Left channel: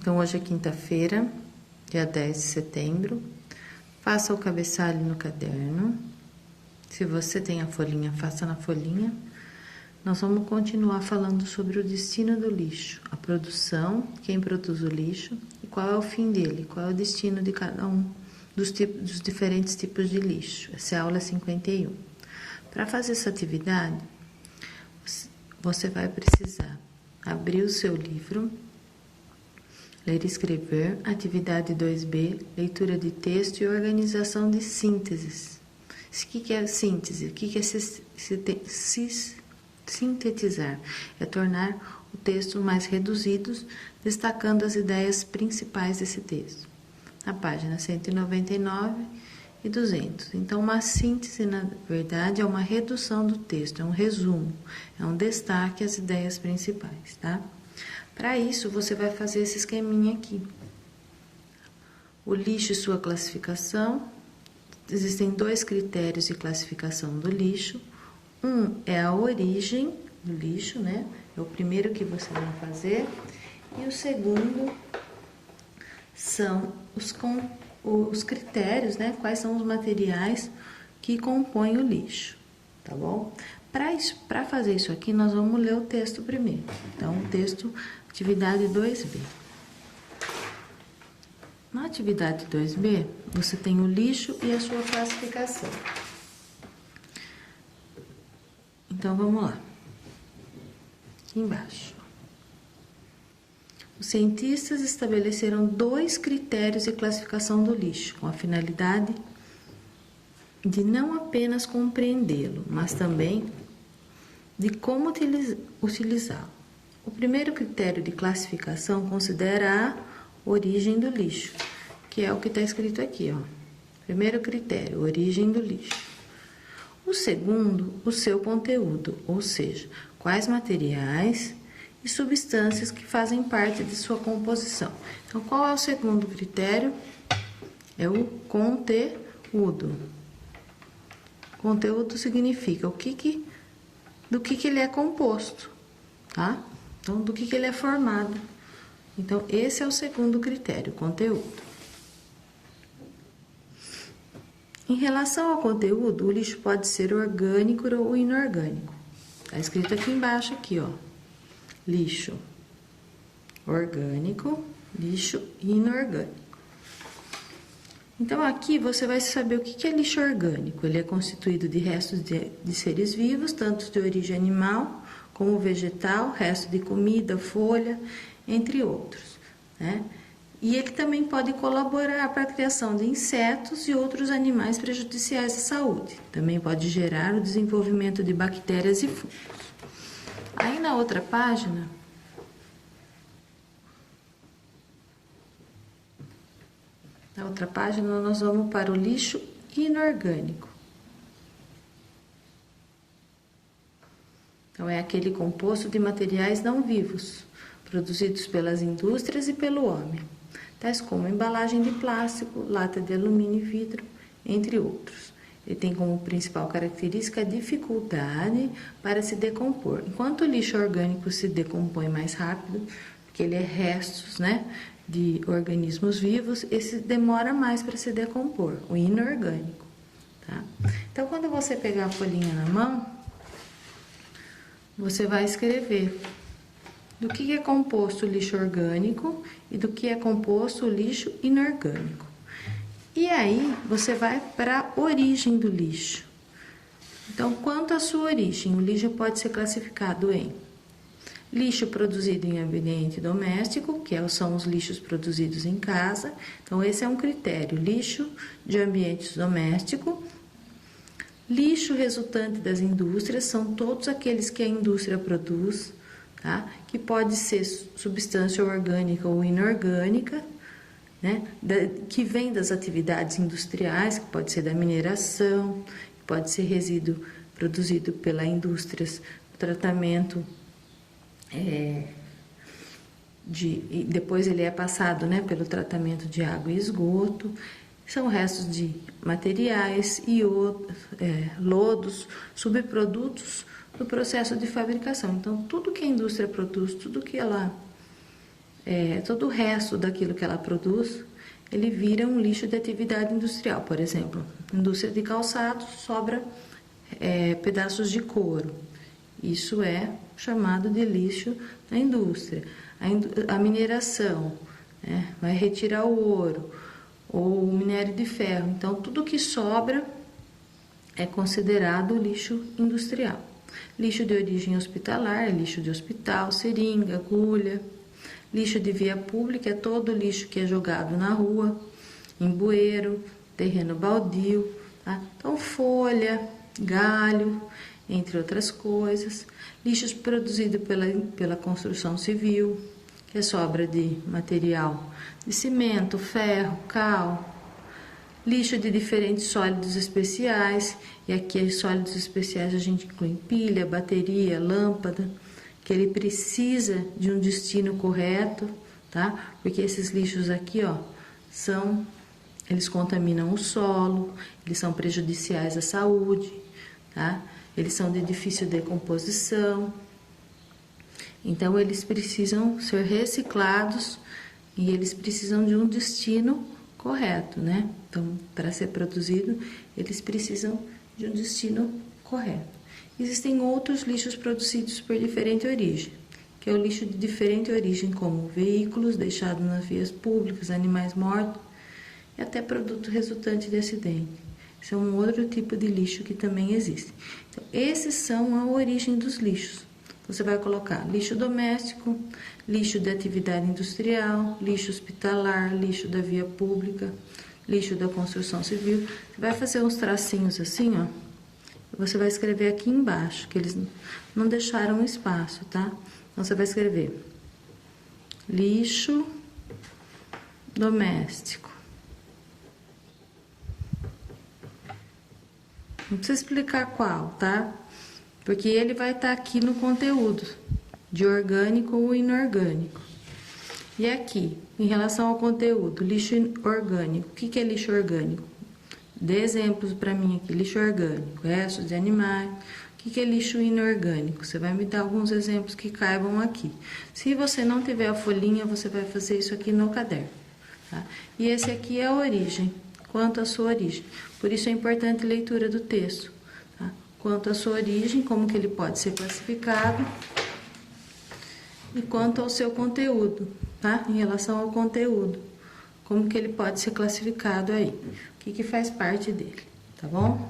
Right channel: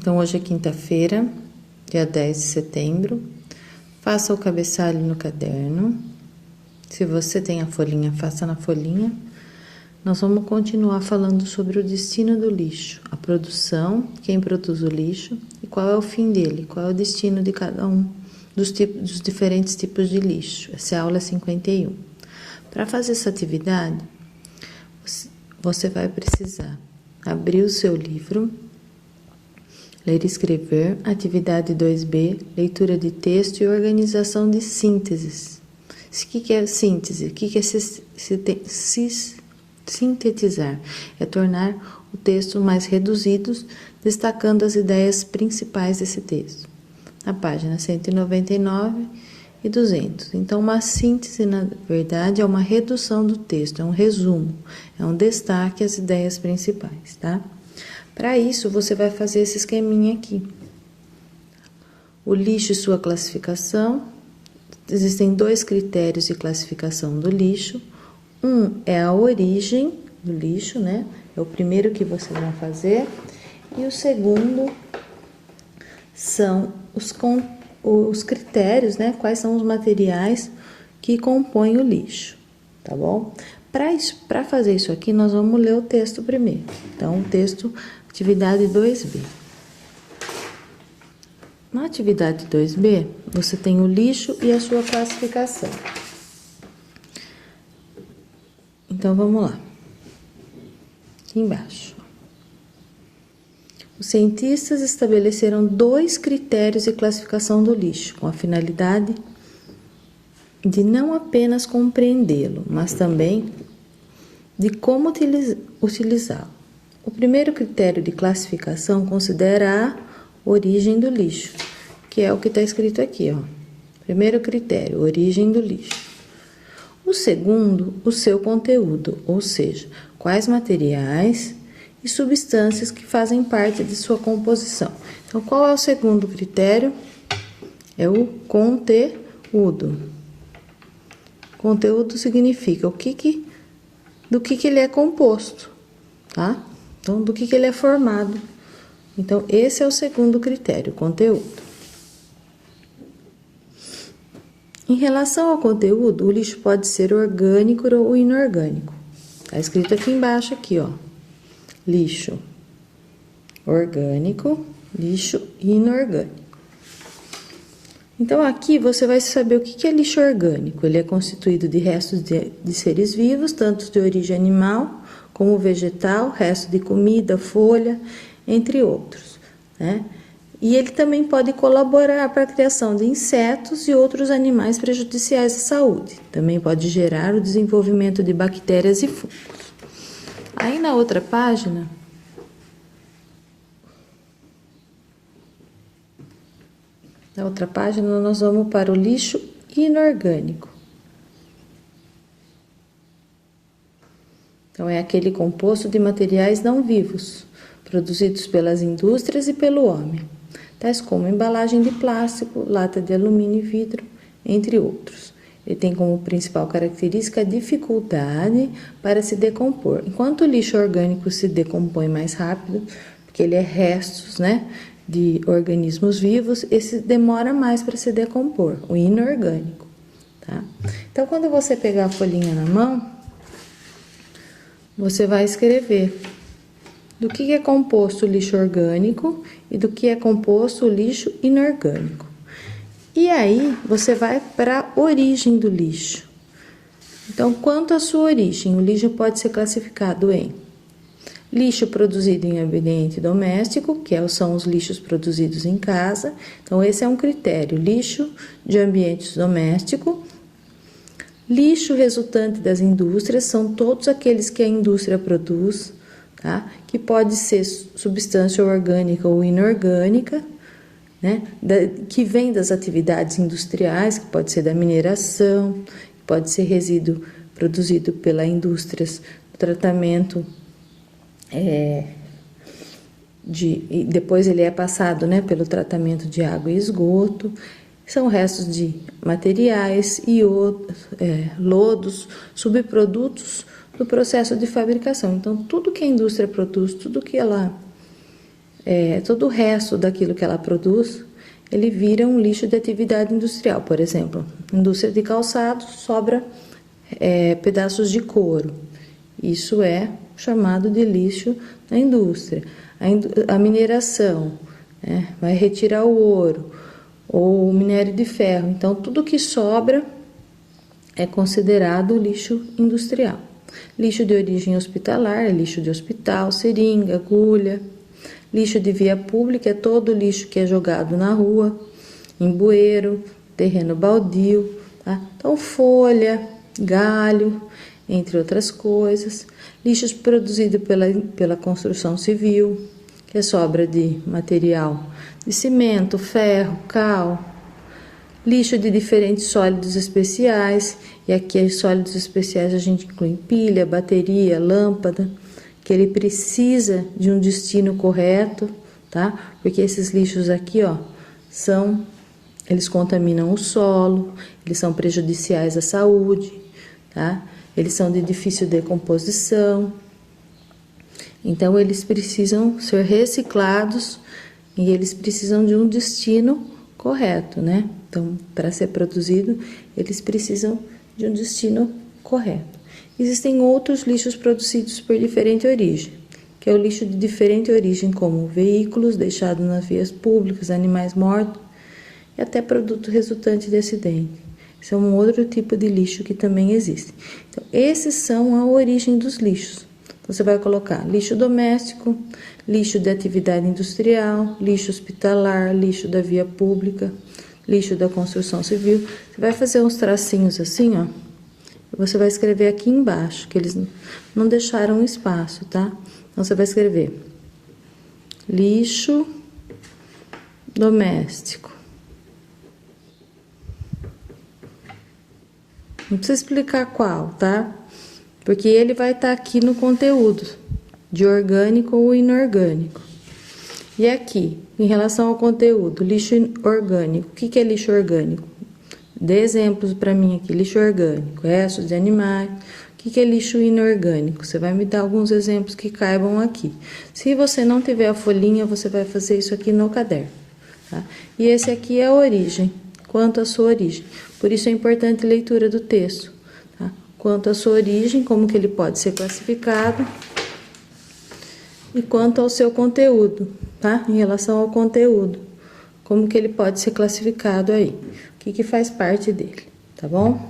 Então, hoje é quinta-feira, dia 10 de setembro. Faça o cabeçalho no caderno. Se você tem a folhinha, faça na folhinha. Nós vamos continuar falando sobre o destino do lixo, a produção, quem produz o lixo e qual é o fim dele, qual é o destino de cada um dos diferentes tipos de lixo. Essa é a aula 51. Para fazer essa atividade, você vai precisar abrir o seu livro, ler e escrever, atividade 2B, leitura de texto e organização de sínteses. O que é síntese? O que é sintetizar? É tornar o texto mais reduzido, destacando as ideias principais desse texto. Na página 199 e 200. Então, uma síntese, na verdade, é uma redução do texto, é um resumo, é um destaque às ideias principais, tá? Para isso, você vai fazer esse esqueminha aqui. O lixo e sua classificação. Existem dois critérios de classificação do lixo. Um é a origem do lixo, né? É o primeiro que você vai fazer. E o segundo são os critérios, né? Quais são os materiais que compõem o lixo, tá bom? Para fazer isso aqui, nós vamos ler o texto primeiro. Então, o texto, atividade 2B. Na atividade 2B, você tem o lixo e a sua classificação. Então, vamos lá. Aqui embaixo. Os cientistas estabeleceram dois critérios de classificação do lixo, com a finalidade de não apenas compreendê-lo, mas também de como utilizá-lo. O primeiro critério de classificação considera a origem do lixo, que é o que está escrito aqui, ó. Primeiro critério, origem do lixo. O segundo, o seu conteúdo, ou seja, quais materiais e substâncias que fazem parte de sua composição. Então, qual é o segundo critério? É o conteúdo. Conteúdo significa do que ele é composto, tá? Então, do que ele é formado. Então, esse é o segundo critério, conteúdo. Em relação ao conteúdo, o lixo pode ser orgânico ou inorgânico. Tá escrito aqui embaixo, aqui, ó. Lixo orgânico, lixo inorgânico. Então, aqui você vai saber o que é lixo orgânico. Ele é constituído de restos de seres vivos, tanto de origem animal como vegetal, resto de comida, folha, entre outros, né? E ele também pode colaborar para a criação de insetos e outros animais prejudiciais à saúde. Também pode gerar o desenvolvimento de bactérias e fungos. Aí na outra página, nós vamos para o lixo inorgânico. Então, é aquele composto de materiais não vivos, produzidos pelas indústrias e pelo homem, tais como embalagem de plástico, lata de alumínio e vidro, entre outros. Ele tem como principal característica a dificuldade para se decompor. Enquanto o lixo orgânico se decompõe mais rápido, porque ele é restos, né, de organismos vivos, esse demora mais para se decompor, o inorgânico, tá? Então, quando você pegar a folhinha na mão, você vai escrever do que é composto o lixo orgânico e do que é composto o lixo inorgânico. E aí, você vai para a origem do lixo. Então, quanto à sua origem, o lixo pode ser classificado em lixo produzido em ambiente doméstico, que são os lixos produzidos em casa. Então, esse é um critério, lixo de ambiente doméstico. Lixo resultante das indústrias, são todos aqueles que a indústria produz, tá? Que pode ser substância orgânica ou inorgânica, né? Que vem das atividades industriais, que pode ser da mineração, que pode ser resíduo produzido pela indústria, tratamento e depois ele é passado, né, pelo tratamento de água e esgoto. São restos de materiais e lodos, subprodutos do processo de fabricação. Então, tudo que a indústria produz, tudo que ela todo o resto daquilo que ela produz, ele vira um lixo de atividade industrial. Por exemplo, indústria de calçados, sobra pedaços de couro. Isso é chamado de lixo na indústria. A mineração, vai retirar o ouro ou o minério de ferro. Então, tudo que sobra é considerado lixo industrial. Lixo de origem hospitalar, lixo de hospital, seringa, agulha. Lixo de via pública é todo lixo que é jogado na rua, em bueiro, terreno baldio, tá? Então, folha, galho, entre outras coisas. Lixos produzidos pela construção civil, que é sobra de material de cimento, ferro, cal. Lixo de diferentes sólidos especiais, e aqui os sólidos especiais a gente inclui pilha, bateria, lâmpada, que ele precisa de um destino correto, tá? Porque esses lixos aqui, ó, eles contaminam o solo, eles são prejudiciais à saúde, tá? Eles são de difícil decomposição, então eles precisam ser reciclados e eles precisam de um destino correto, né? Então, para ser produzido, eles precisam de um destino correto. Existem outros lixos produzidos por diferente origem, que é o lixo de diferente origem, como veículos deixados nas vias públicas, animais mortos e até produto resultante de acidente. Esse é um outro tipo de lixo que também existe. Então, esses são a origem dos lixos. Então, você vai colocar lixo doméstico, lixo de atividade industrial, lixo hospitalar, lixo da via pública, lixo da construção civil. Você vai fazer uns tracinhos assim, ó. Você vai escrever aqui embaixo, que eles não deixaram espaço, tá? Então, você vai escrever lixo doméstico. Não precisa explicar qual, tá? Porque ele vai estar aqui no conteúdo, de orgânico ou inorgânico. E aqui, em relação ao conteúdo, lixo orgânico. O que é lixo orgânico? Dê exemplos para mim aqui. Lixo orgânico, restos de animais. O que é lixo inorgânico? Você vai me dar alguns exemplos que caibam aqui. Se você não tiver a folhinha, você vai fazer isso aqui no caderno, tá? E esse aqui é a origem, quanto à sua origem. Por isso é importante a leitura do texto, tá? Quanto à sua origem, como que ele pode ser classificado, e quanto ao seu conteúdo, tá? Em relação ao conteúdo, como que ele pode ser classificado aí, o que faz parte dele, tá bom?